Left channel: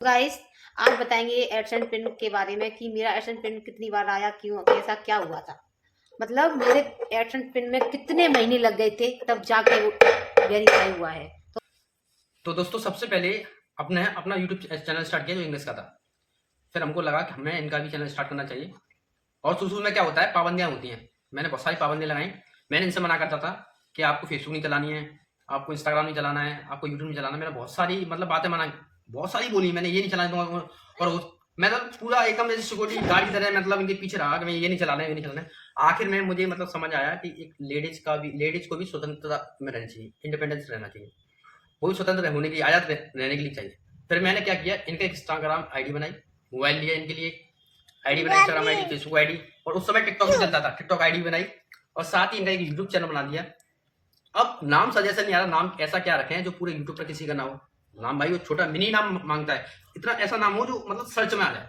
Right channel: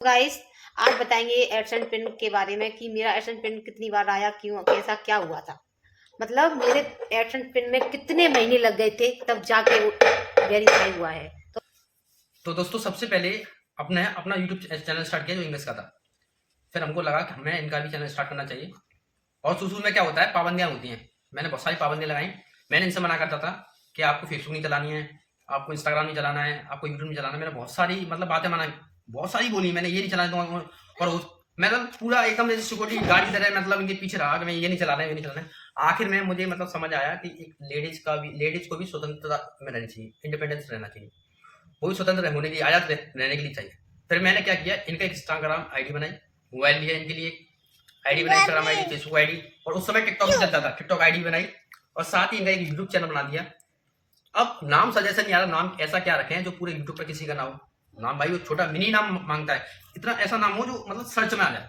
Guys, आज बताएंगे AdSense pin के बारे में कि मेरा एडसेंस पिन कितनी बार आया, क्यों, कैसा क्या हुआ था। मतलब मेरे एडसेंस पिन में कितने महीने लग गए थे तब जाके वो वेरीफाई हुआ है। तो दोस्तों सबसे पहले अपना अपना यूट्यूब चैनल स्टार्ट किया जो इंग्लिश का था। फिर हमको लगा कि हमें इनका भी चैनल स्टार्ट करना चाहिए। और शुरू में क्या होता है, पाबंदियां होती हैं। मैंने बहुत सारी पाबंदियां लगाई। मैंने इनसे मना करता था कि आपको फेसबुक नहीं चलानी है, आपको इंस्टाग्राम नहीं चलाना है, आपको यूट्यूब नहीं चलाना। मैंने बहुत सारी बातें मनाई, बहुत सारी बोली मैंने, ये नहीं चलाना दूंगा। और मतलब पूरा एकदम जैसे सिक्योरिटी गार्ड की तरह मतलब इनके पीछे रहा कि मैं ये नहीं चलाना है, ये नहीं चलाना है। आखिर में मुझे मतलब समझ आया कि एक लेडीज को भी स्वतंत्रता में रहनी चाहिए, इंडिपेंडेंस रहना चाहिए, वो भी स्वतंत्र होने की आजाद रहने के लिए चाहिए। फिर मैंने क्या किया, इनका इंस्टाग्राम आईडी बनाई, मोबाइल लिया इनके लिए, आईडी बनाई, इंस्टाग्राम आईडी, फेसबुक आईडी, और उस समय टिकटॉक भी चलता था, टिकटॉक आईडी बनाई, और साथ ही इनका एक यूट्यूब चैनल बना दिया। अब नाम सजेशन नहीं आ रहा, नाम ऐसा क्या रखें हैं जो पूरे यूट्यूब पर किसी का ना हो। नाम भाई वो छोटा मिनी नाम मांगता है, इतना ऐसा नाम हो जो मतलब सर्च में आ जाए।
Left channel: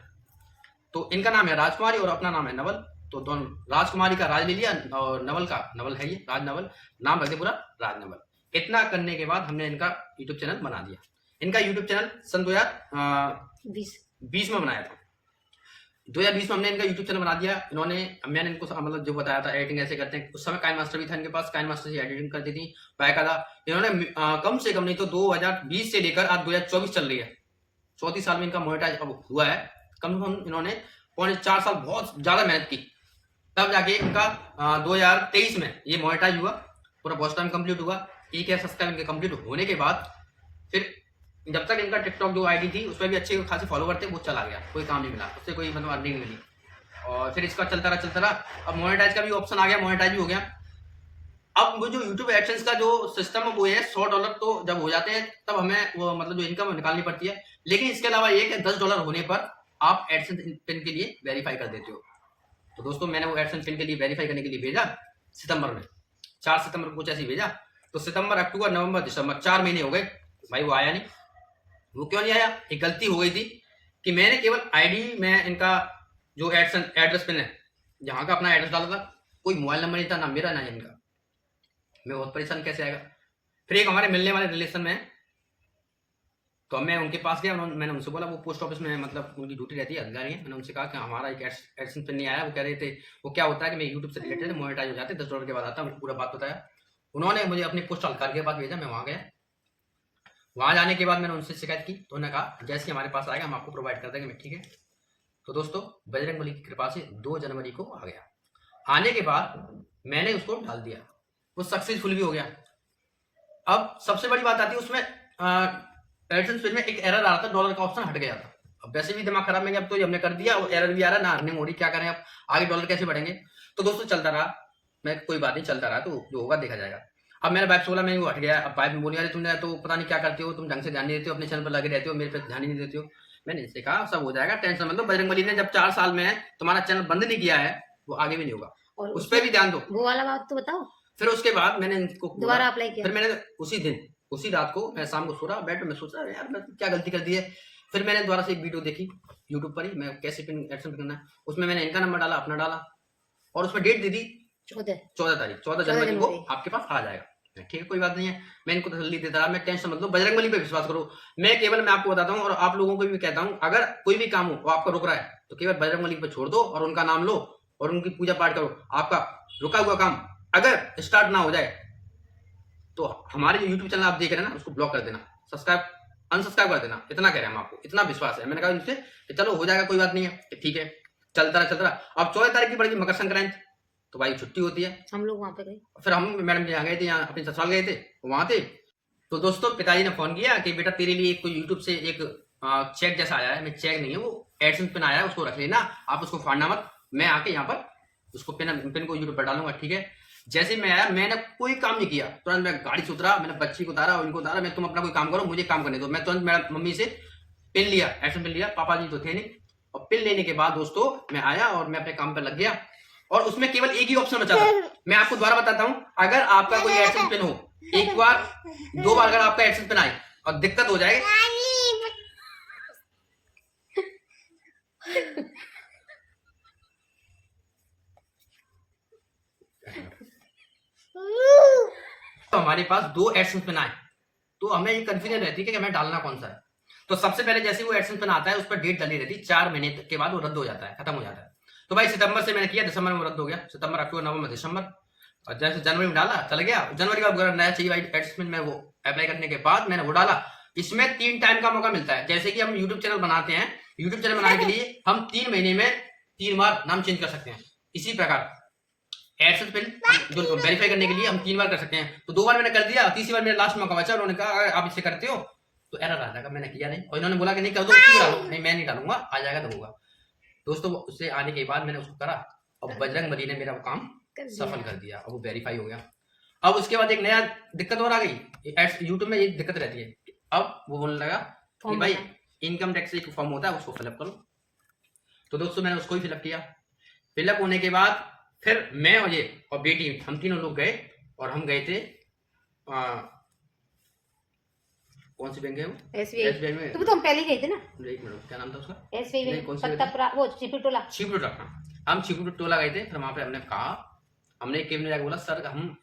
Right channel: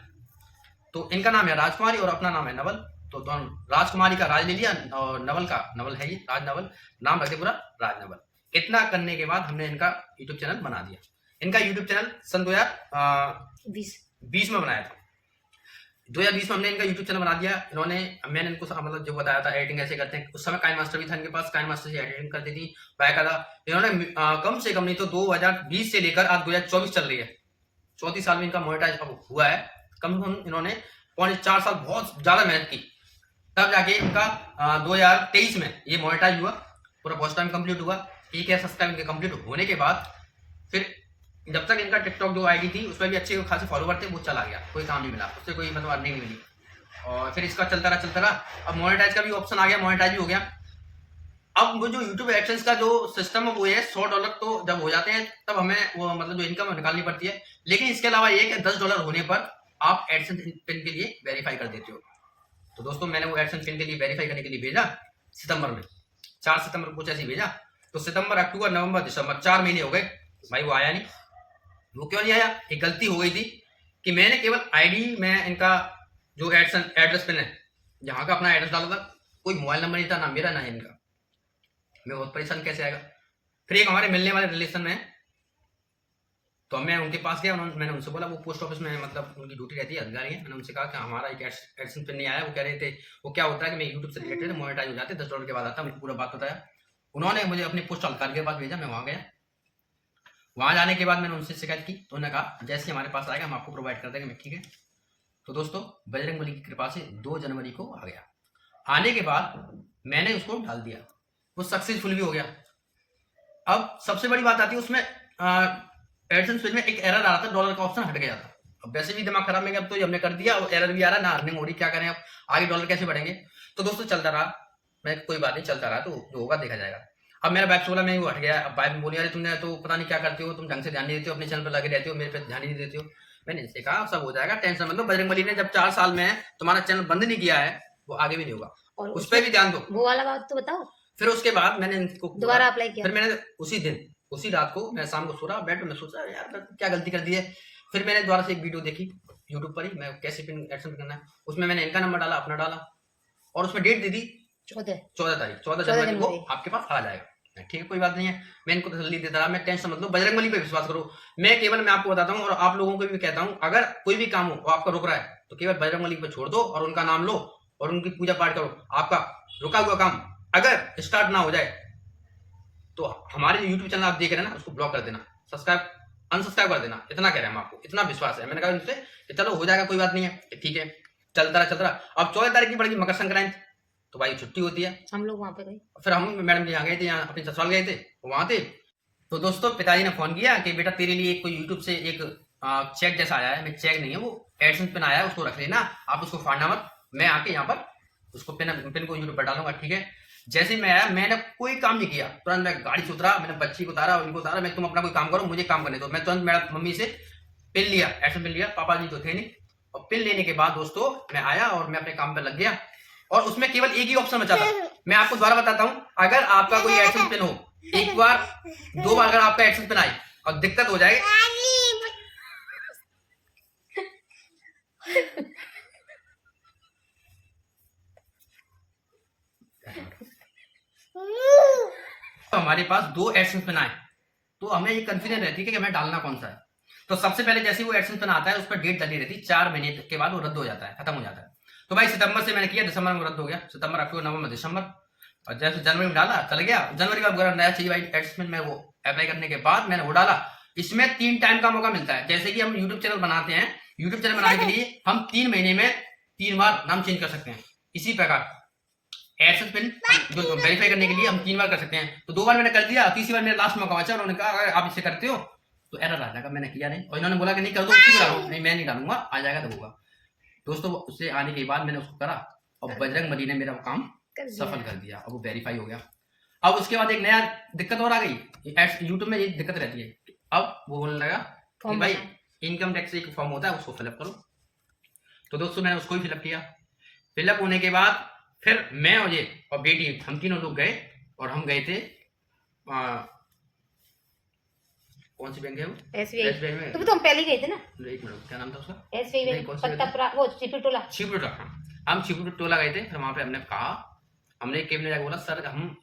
तो इनका नाम है राजकुमारी और अपना नाम है नवल। तो दोनों, राजकुमारी का राज ले लिया और नवल का नवल है, ये राज नवल नाम रख दिया पूरा, राज नवल। इतना करने के बाद हमने इनका यूट्यूब चैनल बना दिया। इनका यूट्यूब चैनल सन 2020 में बनाया था। 2020 में हमने इनका यूट्यूब चैनल बना दिया। इन्होंने, मैंने इनको मतलब जो बताया था एडिटिंग ऐसे करते हैं, उस समय काइन मास्टर भी था इनके पास, काइन मास्टर से एडिटिंग करती थी बाकायदा। इन्होंने कम से कम नहीं तो 2020 से लेकर आज 2024 चल रही है, 34 साल में इनका मोनेटाइज अब हुआ है। कम से कम इन्होंने 4.5 साल बहुत ज्यादा मेहनत की, तब जाके इनका 2023 में ये मोनेटाइज हुआ, पूरा वॉच टाइम कंप्लीट हुआ। 1,000 सब्सक्राइब इनके कंप्लीट होने के बाद फिर जब तक इनका टिकटॉक जो आईडी थी उसमें भी अच्छे खासे फॉलोवर थे, वो चला गया, कोई काम नहीं मिला उससे, कोई मतलब अर्निंग नहीं मिली। और फिर इसका चलता रहा। अब मोनेटाइज का भी ऑप्शन आ गया, मोनेटाइज भी हो गया। अब वो जो यूट्यूब एडसेंस का जो सिस्टम है वो है $100 तो जब हो जाते हैं तब हमें वो मतलब जो इनकम निकालनी पड़ती है। लेकिन इसके अलावा ये कि $10 होने पर आप एडसेंस पिन के लिए वेरीफाई कर देते हो। तो दोस्तों मैंने वो एडसेंस पिन के लिए वेरीफाई करने के लिए भेजा सितंबर में, 4 सितंबर को कुछ ऐसे ही भेजा। तो सितंबर, अक्टूबर, नवंबर, दिसंबर 4 महीने हो गए, भाई वो आया नहीं। वो क्यों नहीं आया? एक गलती हो गई थी कि मैंने केवल आईडी में इनका जो एड्रेस पिन है, जहाँ का अपना एड्रेस डाला था, कोई मोबाइल नंबर नहीं था, ना मेरा ना इनका। मैं बहुत परेशान, कैसे आएगा। फिर एक हमारे मिलने वाले रिलेशन में, तो मैं उनके पास गया, मैंने उनसे बोला, वो पोस्ट ऑफिस में मतलब उनकी ड्यूटी रहती है, अधिकारी है। मैंने उनसे कहा कि हमारा एक एडसेंस पिन नहीं आया। वो कह रहे थे, वो क्या होता है कि मैं यूट्यूब से रिलेटेड मोनेटाइज हो जाते, $10 के बाद आता। उनको पूरा बात बताया। उन्होंने मुझे अपनी पोस्ट अधिकारी के पास भेजा, मैं वहाँ गया। वहाँ जाने के बाद मैंने उनसे शिकायत की, तो उन्होंने कहा जैसे ही हमारे पास आएगा हम आपको प्रोवाइड कर देंगे। मैं ठीक है। तो दोस्तों बजरंगबली की कृपा से 2 जनवरी को आ गया। आने के बाद मैंने उसको डाल दिया, वो सक्सेसफुल भी हो गया। अब सबसे बड़ी बात आती है उसमें, एडसेंस पेज में एक एरर आ रहा था, डॉलर का ऑप्शन हट गया था। अब वैसे भी दिमाग खराब में गया, अब तो ये हमने कर दिया, वो एरर भी आ रहा है, ना अर्निंग हो रही, क्या करें अब, आगे डॉलर कैसे बढ़ेंगे। तो दोस्तों चलता रहा, मैं कोई बात नहीं, चलता रहा, तो जो होगा देखा जाएगा। अब मेरा वाइफ बोला, मैं वो हट गया। अब वाइफ बोली, अरे तुमने तो पता नहीं क्या करते हो, तुम ढंग से ध्यान नहीं देते हो, अपने चैनल पर लगे रहते हो, मेरे पे ध्यान ही नहीं देते हो। मैंने इनसे कहा सब हो जाएगा, टेंशन मतलब बजरंगबली ने जब 4 साल में तुम्हारा चैनल बंद नहीं किया है, वो आगे भी नहीं होगा, और उस पर भी ध्यान दो। वो वाला बात तो बताओ। फिर उसके बाद मैंने इनको दोबारा अप्लाई किया। फिर मैंने उसी दिन, उसी रात को मैं शाम को सो रहा बेड में, सोचा यार मैं क्या गलती कर दी है। फिर मैंने दोबारा से एक वीडियो देखी यूट्यूब पर ही, मैं कैसे पिन एडसेंस करना है। उसमें मैंने इनका नंबर डाला, अपना डाला, और उसमें डेट दे दी 14 तारीख, 14 जनवरी को आपके पास आ जाएगा। ठीक है, कोई बात नहीं है। मैं इनको तसल्ली देता रहा, मैं टेंशन मतलब बजरंगबली पे विश्वास करो। मैं आपको बताता हूँ और आप लोगों को भी कहता हूँ, अगर कोई भी काम हो वो आपका रुक रहा है तो केवल बजरंगबली पे छोड़ दो और उनका नाम लो और उनकी पूजा पाठ करो। आपका रुका हुआ काम अगर स्टार्ट ना हो जाए तो हमारे यूट्यूब चैनल आप देख रहे हैं ना, उसको ब्लॉक कर देना, सब्सक्राइब अनसब्सक्राइब कर देना। इतना कह रहे हैं हम आपको, इतना विश्वास है। मैंने कहा इनसे कि चलो हो जाएगा, कोई बात नहीं है, ठीक है। चलता रहा। अब 14 तारीख की पड़ेगी मकर संक्रांति, तो भाई छुट्टी होती है, हम लोग वहां पे गए। फिर हम मैडम के यहाँ गए थे, यहाँ अपने ससुराल गए थे, वहां थे। तो दोस्तों पिताजी ने फोन किया कि बेटा तेरे लिए कोई यूट्यूब से एक चेक जैसा आया है। मैं चेक नहीं है, वो एडसेंस पिन आया है, उसको रख लेना, आप उसको फाड़ना मत, मैं आके यहाँ पर उसको पिन को यूट्यूब पर डालूंगा, ठीक है। जैसे मैं आया, मैंने कोई काम नहीं किया, तुरंत मैं गाड़ी से उतरा, मैंने बच्ची को उतारा और इनको उतारा, मैं तुम अपना कोई काम करो, मुझे काम करने दो। मैं तुरंत मेरा मम्मी से पिन लिया, एडसेंस पिन लिया, पापा जी तो थे नहीं। और पिन लेने के बाद दोस्तों मैं आया और मैं अपने काम पर लग गया। और उसमें केवल एक ही ऑप्शन बचा था। मैं आपको दोबारा बताता हूं, अगर आपका कोई एडसेंस पिन हो, एक बार 2 बार अगर आपका एडसेंस पिन आए और दिक्कत हो जाए, तो हमारे पास 2 एडसेंस पिन आए, तो हमें ये कंफ्यूजन रहती है कि हमें डालना कौन सा है। तो सबसे पहले जैसे वो एडसेंस पिन आता है उस पर डेट डली रहती है, 4 महीने के बाद वो रद्द हो जाता है, खत्म हो जाता है। तो भाई सितंबर से मैंने किया, दिसंबर में रद्द हो गया, सितंबर, अक्टूबर, नवंबर, दिसंबर, और जैसे जनवरी में डाला चल गया। जनवरी का अगर नया चाहिए भाई एडसेंस पिन, मैं वो अप्लाई करने के बाद मैंने वो डाला। इसमें 3 टाइम का मौका मिलता है। जैसे कि हम यूट्यूब चैनल बनाते हैं, यूट्यूब चैनल बनाने के लिए हम 3 महीने में 3 बार नाम चेंज कर सकते हैं। इसी प्रकार एडसेंस पिन जो वेरीफाई करने के लिए हम 3 बार कर सकते हैं। तो 2 बार मैंने कर दिया, तीसरी बार मेरा लास्ट मौका बचा। उन्होंने कहा अगर आप इसे करते हो तो एरर आ जाएगा, मैंने किया नहीं, और इन्होंने बोला कि नहीं कर दो, उसी को डालो। नहीं मैं नहीं डालूंगा, आ जाएगा तब होगा। दोस्तों उससे आने के बाद मैंने उसको करा और बजरंग बली ने मेरा वो काम सफल कर दिया, अब वो वेरीफाई हो गया। अब उसके बाद एक नया दिक्कत और आ गई, यूट्यूब में ये दिक्कत रहती है। अब वो बोलने लगा कि भाई इनकम टैक्स एक फॉर्म होता है उसको फिलअप करो। तो दोस्तों मैंने उसको ही फिलअप किया। फिलअप होने के बाद फिर मैं और ये और बेटी हम तीनों लोग गए, और हम गए थे कौन सी बैंक है वो? एसबीआई में। तो हम पहले गए थे ना। एक मिनट, क्या नाम था उसका? एसबीआई में, पत्तापुरा, वो छिपटोला। छिपटोला, हाँ हम छिपटोला गए थे। फिर वहां पे हमने कहा, हमने केबिन में जाकर बोला सर हम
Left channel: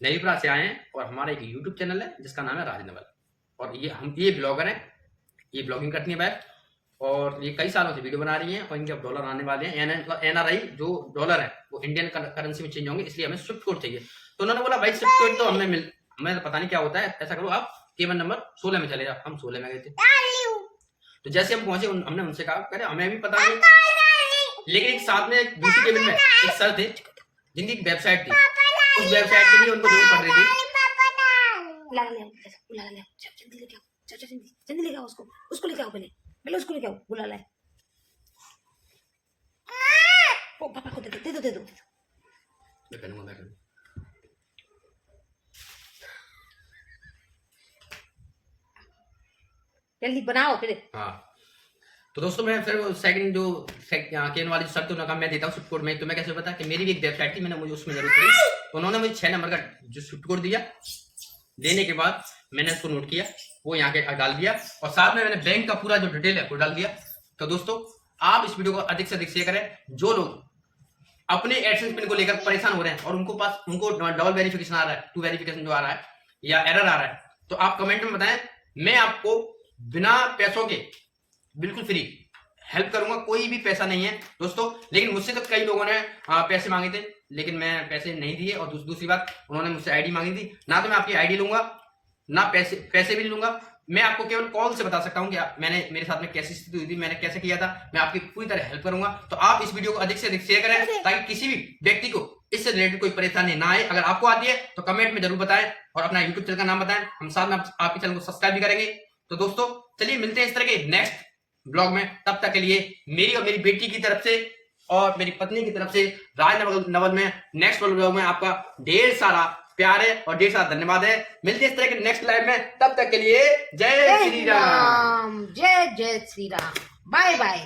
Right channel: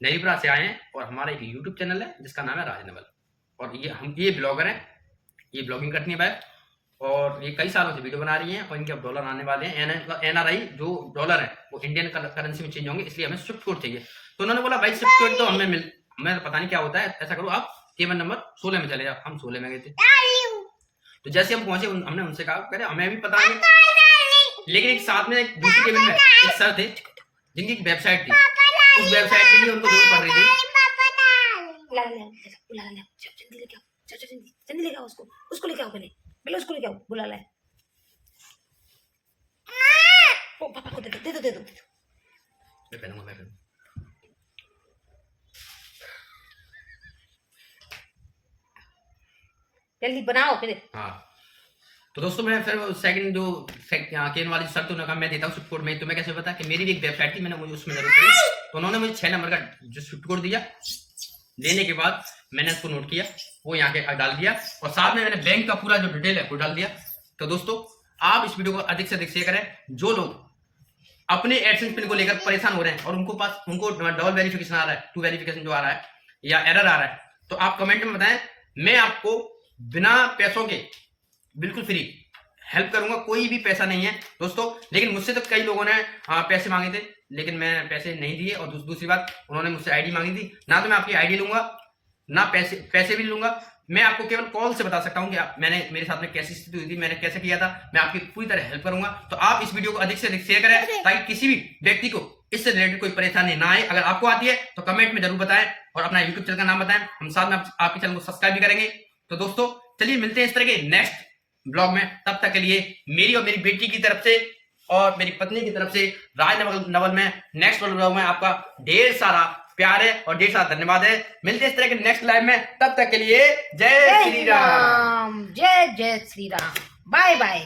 नईपुरा से आए हैं और हमारा एक यूट्यूब चैनल है जिसका नाम है राजनवल, और ये ब्लॉगर हैं, ये ब्लॉगिंग करती है बैठ, और ये कई सालों से वीडियो बना रही हैं, और इनके अब डॉलर आने वाले हैं। एनआरआई जो डॉलर है वो इंडियन करेंसी में चेंज होंगे, इसलिए हमें स्विफ्ट कोड चाहिए। तो उन्होंने बोला भाई स्विफ्ट कोड तो हमें पता नहीं क्या होता है, ऐसा करो आप केबन नंबर 16 में चले जाओ। हम 16 में गए थे। तो जैसे हम पहुंचे हमने उनसे कहा कह रहे हमें भी पता नहीं, लेकिन एक साथ में एक दूसरी केबिन में एक सर थे जिनकी एक वेबसाइट थी, उस वेबसाइट के लिए उनको जरूरत पड़ रही थी। जल्दी लेके आओ उसको लेके आओ, पहले उसको लेके आओ, बुला लाए। ओ पापा को दे दो। मैं पहनूंगा। जल्दी बनाओ फिर। हाँ तो दोस्तों मैं फिर सेकंड जो केन वाली शर्त उन्होंने कहा मैं देता हूँ स्विफ्ट कोड में। तो मैं कैसे पता कि मेरी भी एक वेबसाइट थी, मैंने मुझे उसमें जरूरत पड़ी, तो उन्होंने मुझे 6 नंबर का जो स्विफ्ट कोड दिया। देने के बाद मैंने उसको नोट किया, वो यहाँ के डाल दिया, और साथ में मैंने बैंक का पूरा जो डिटेल है वो डाल दिया। तो दोस्तों आप इस वीडियो को अधिक से अधिक शेयर करें। जो लोग अपने एडसेंस पिन को लेकर परेशान हो रहे हैं और उनको डबल वेरिफिकेशन आ रहा है, 2 वेरिफिकेशन जो आ रहा है या एरर आ रहा है, तो आप कमेंट में बताएं। मैं आपको बिना पैसों के बिल्कुल फ्री हेल्प करूंगा, कोई भी पैसा नहीं है दोस्तों। लेकिन मुझसे तो कई लोगों ने पैसे मांगे थे, लेकिन मैं पैसे नहीं दिए। और दूसरी बात, उन्होंने मुझसे आईडी मांगी थी, ना तो मैं आपकी आईडी लूंगा ना पैसे भी लूंगा। मैं आपको केवल कॉल से बता सकता हूं कि मेरे साथ में कैसी स्थिति हुई थी, मैंने कैसे किया था। मैं आपकी पूरी तरह हेल्प करूंगा। तो आप इस वीडियो को अधिक से अधिक शेयर करें ताकि किसी भी व्यक्ति को इससे रिलेटेड कोई परेशानी ना आए। अगर आपको आती है तो कमेंट में जरूर बताएं, और अपना यूट्यूब चैनल का नाम बताएं, हम साथ में आपके चैनल को सब्सक्राइब भी करेंगे। तो दोस्तों चलिए मिलते हैं इस तरह के नेक्स्ट ब्लॉग में। तब तक के लिए मेरी और मेरी बेटी की तरफ से और मेरी पत्नी की तरफ से राजनवल में नेक्स्ट ब्लॉग में आपका ढेर सारा प्यार है और ढेर सारा धन्यवाद है। मिलते हैं इस तरह के नेक्स्ट लाइव में, तब तक के लिए जय श्री राम। जय श्री राम, बाय बाय।